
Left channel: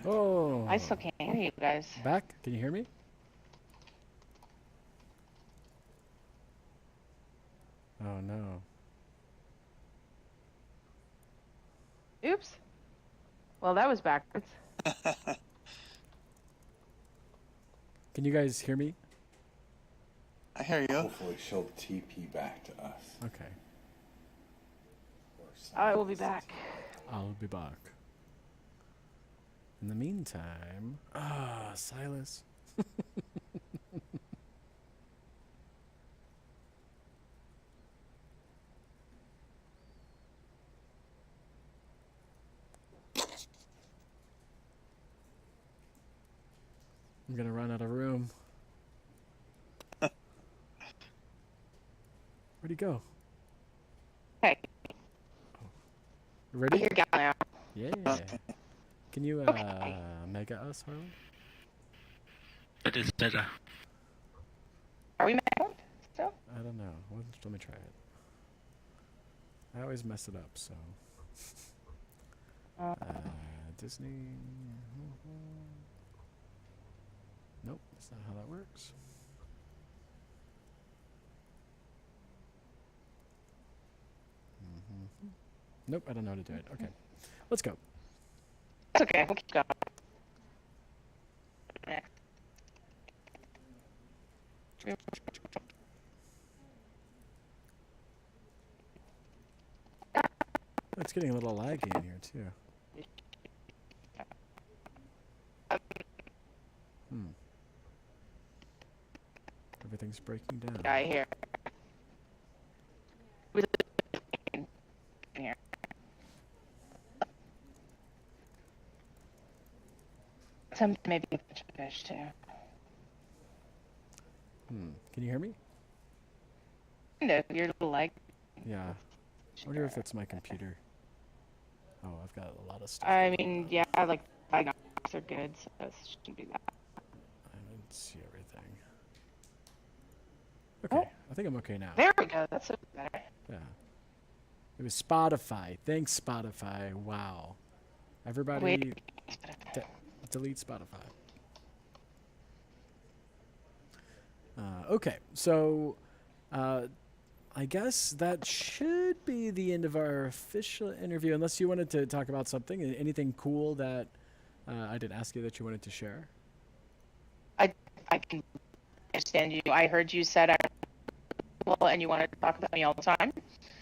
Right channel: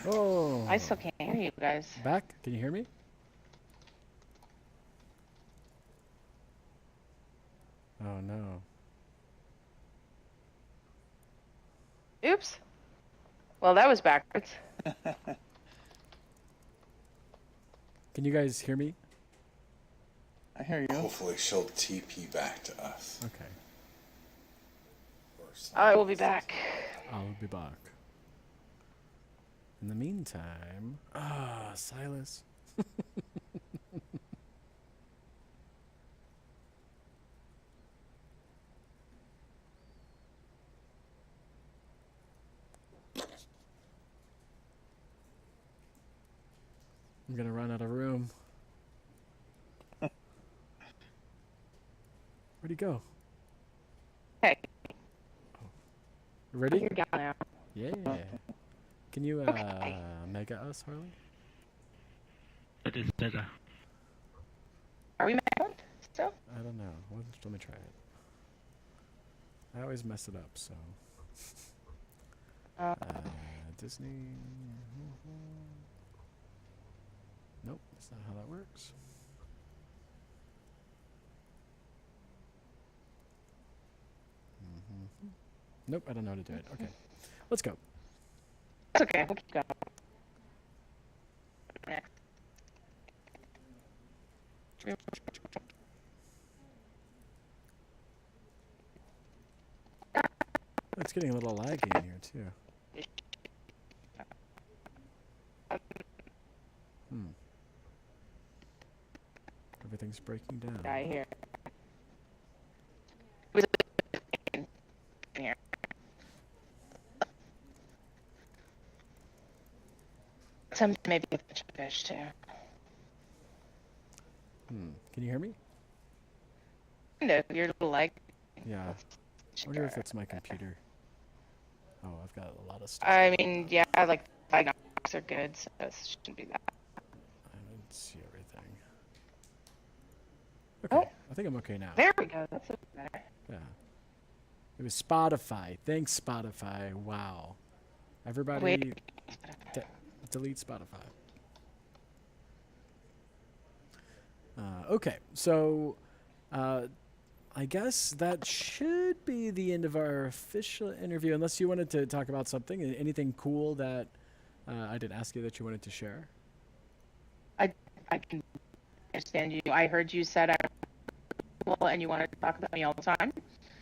Oh. I still can't hear you guys. Back? Can you hear me? Oh no. Oops. Well, that was backwards. Can you guys hear me? I hear you. Hopefully she'll TP back to us. Okay. I will be back. I'll be back. In the meantime, Silas. I'm gonna run out of room. Where'd he go? Okay. You ready? You're down now. Yeah. Can you mega us, Harley? It is better. Are we back still? I don't know. Let me try it. I always mess it up, so. Disney. Nope, that's not how that works. Nope, I don't know how to do it. Okay, let's go. That's okay. We'll keep going. Next. It's getting a little laggy in here too. Everything's breaking down. I hear. Some maybe with the fish too. Can you hear me? No, you're a little like. Yeah. I wonder if it's my computer. Oh, I've got a lot of stuff. I mean, yeah, like diagnostics are good, so it shouldn't be that. I didn't see everything. Okay, I think I'm okay now. There we go. That's better. Yeah. It was Spotify. Thanks, Spotify. Wow. Everybody, Wait. delete Spotify. Okay, so I guess that should be the end of our official interview, unless you wanted to talk about something, anything cool that I didn't ask you that you wanted to share. I can understand you. I heard you said well, and you wanted to talk about me all the time.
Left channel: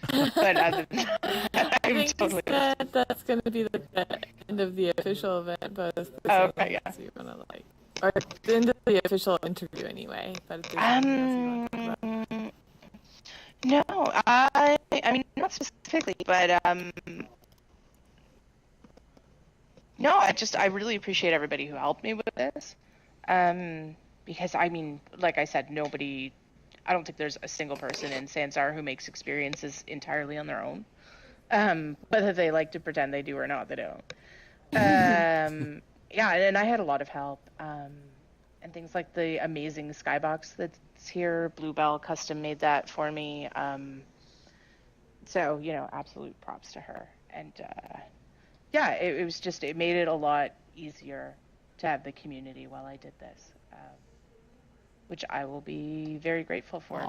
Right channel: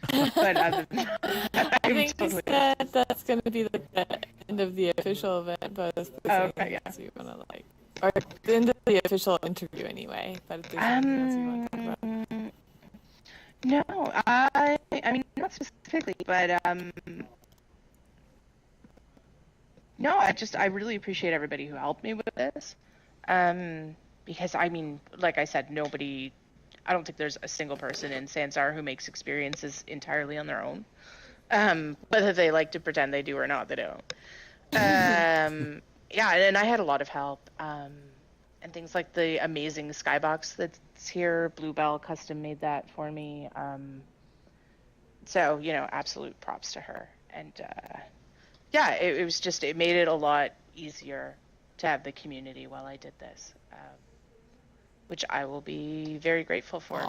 But other than that, I think totally that's going to be the end of the official event, but if there's anything else you want to like, or the end of the official interview anyway. But if there's anything else you want to talk about. No, I mean not specifically, but no, I really appreciate everybody who helped me with this, because I mean, like I said, I don't think there's a single person in Sansar who makes experiences entirely on their own, whether they like to pretend they do or not, they don't. Yeah, and I had a lot of help, and things like the amazing skybox that's here. Bluebell custom made that for me. So, absolute props to her. And yeah, it made it a lot easier to have the community while I did this, which I will be very grateful for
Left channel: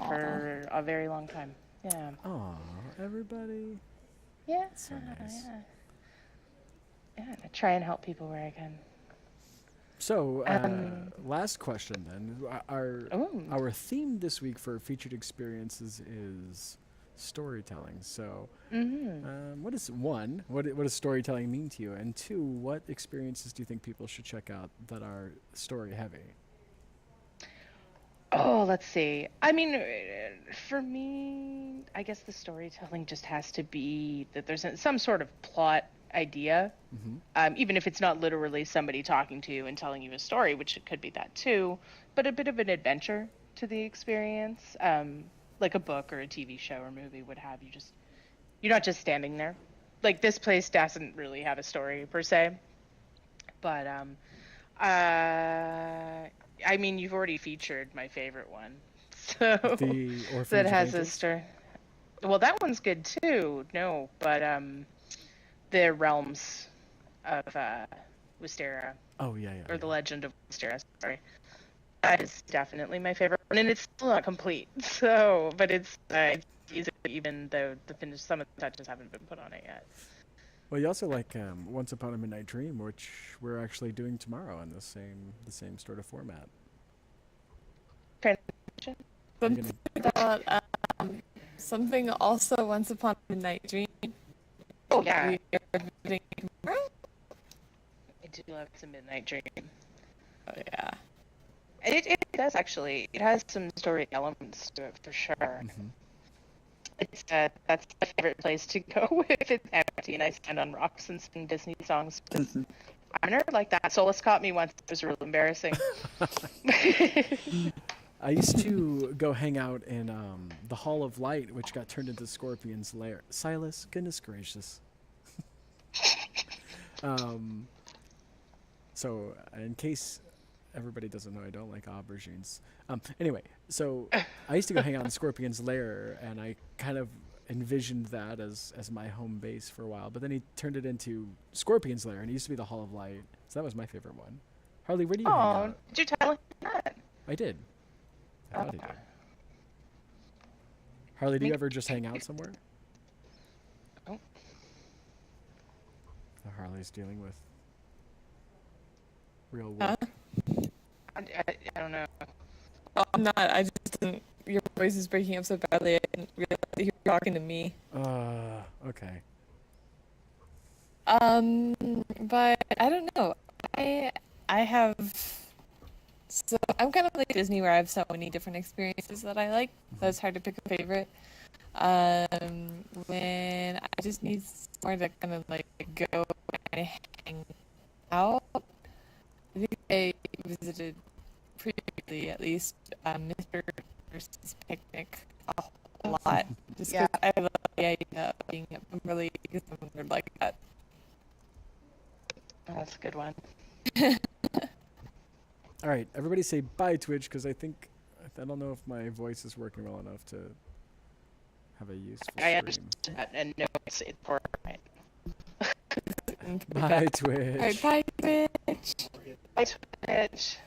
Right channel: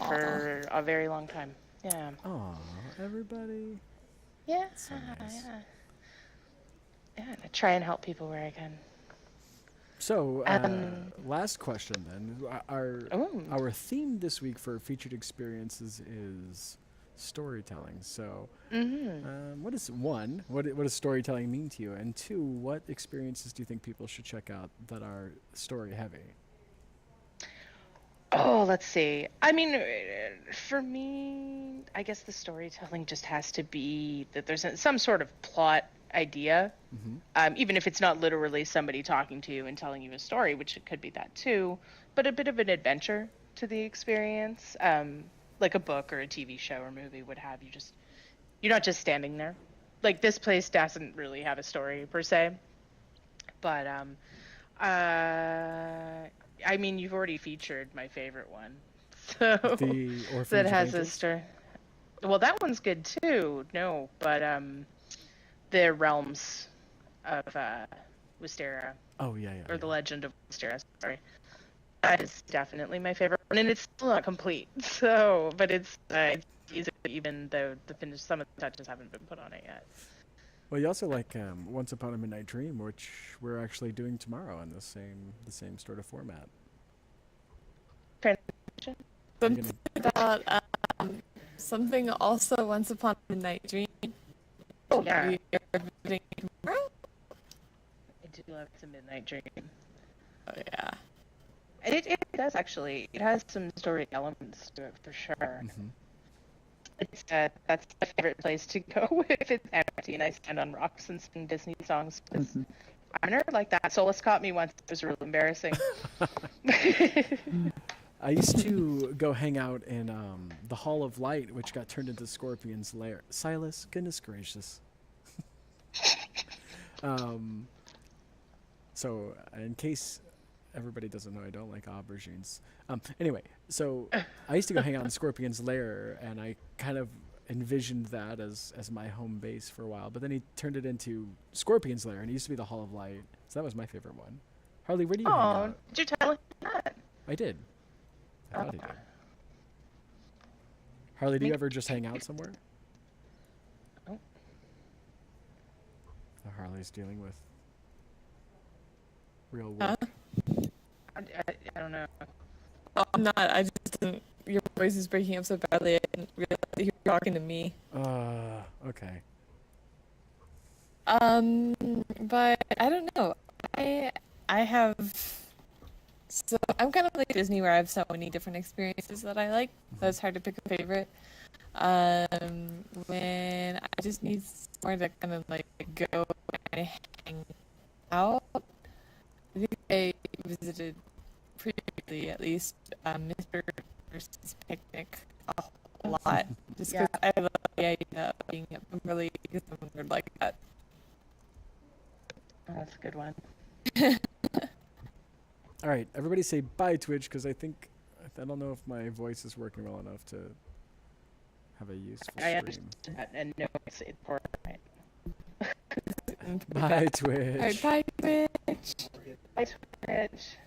a very long time. Yeah. Aw, everybody. Yeah. That's so nice. Yeah, I try and help people where I can. So, last question then. Our theme this week for featured experiences is storytelling. So, what does storytelling mean to you? And two, what experiences do you think people should check out that are story heavy? Oh, let's see. I mean, for me, I guess the storytelling just has to be that there's some sort of plot idea, even if it's not literally somebody talking to you and telling you a story, which it could be that too, but a bit of an adventure to the experience. like a book or a TV show or movie would have. You're not just standing there. Like this place doesn't really have a story per se, but I mean, you've already featured my favorite one, so The Orphanage that of has a Angels? story. Well, that one's good too. No, but the Realms of Wisteria, Oh yeah, or yeah. the Legend of Wisteria. Sorry, that is definitely my favorite one, and it's still not complete. So, but it's easy, even though some of the touches haven't been put on it yet. Well, you also like Once Upon a Midnight Dream, which we're actually doing tomorrow in the same sort of format. Transition. Are you gonna- About something also Once Upon a Midnight Dream. Oh yeah, We are visiting tomorrow? I do love the Midnight Dream. Oh yeah. It does actually. It has some story elements to it for sure. Mhm. It's that's my favorite place to go if it's empty and I stand on rocks and sing Disney songs. I'm a nerd like that. Solus caught me once. It was real embarrassing. I used to go hang out in the Hall of Light, which got turned into Scorpion's lair. Silas, goodness gracious. So, in case everybody doesn't know, I don't like aubergines. Anyway, so I used to go hang out in Scorpion's lair, and I kind of envisioned that as my home base for a while. But then he turned it into Scorpion's lair, and it used to be the Hall of Light. So that was my favorite one. Harley, where do you hang Oh, out? did you tell him that? I did. I thought he did. Harley, do you ever just hang out somewhere? Oh. Harley's dealing with real work. I don't know. Oh, I'm not. I just didn't. Your voice is breaking up so badly. I didn't realize that you were talking to me. Okay. But I don't know. I have. So I'm kind of like Disney, where I have so many different experiences that I like. So it's hard to pick a favorite. When I just need somewhere to kind of like go and hang out. I think I visited previously, at least, Mr. Versus Picnic a whole lot. Just because I love the idea of being really somewhere like that. Oh, that's a good one. All right, everybody say bye, Twitch, because I don't know if my voice is working well enough to have a useful I stream. understand that, and no, it's important. Bye, Twitch. Alright, bye, Twitch. Bye, Twitch.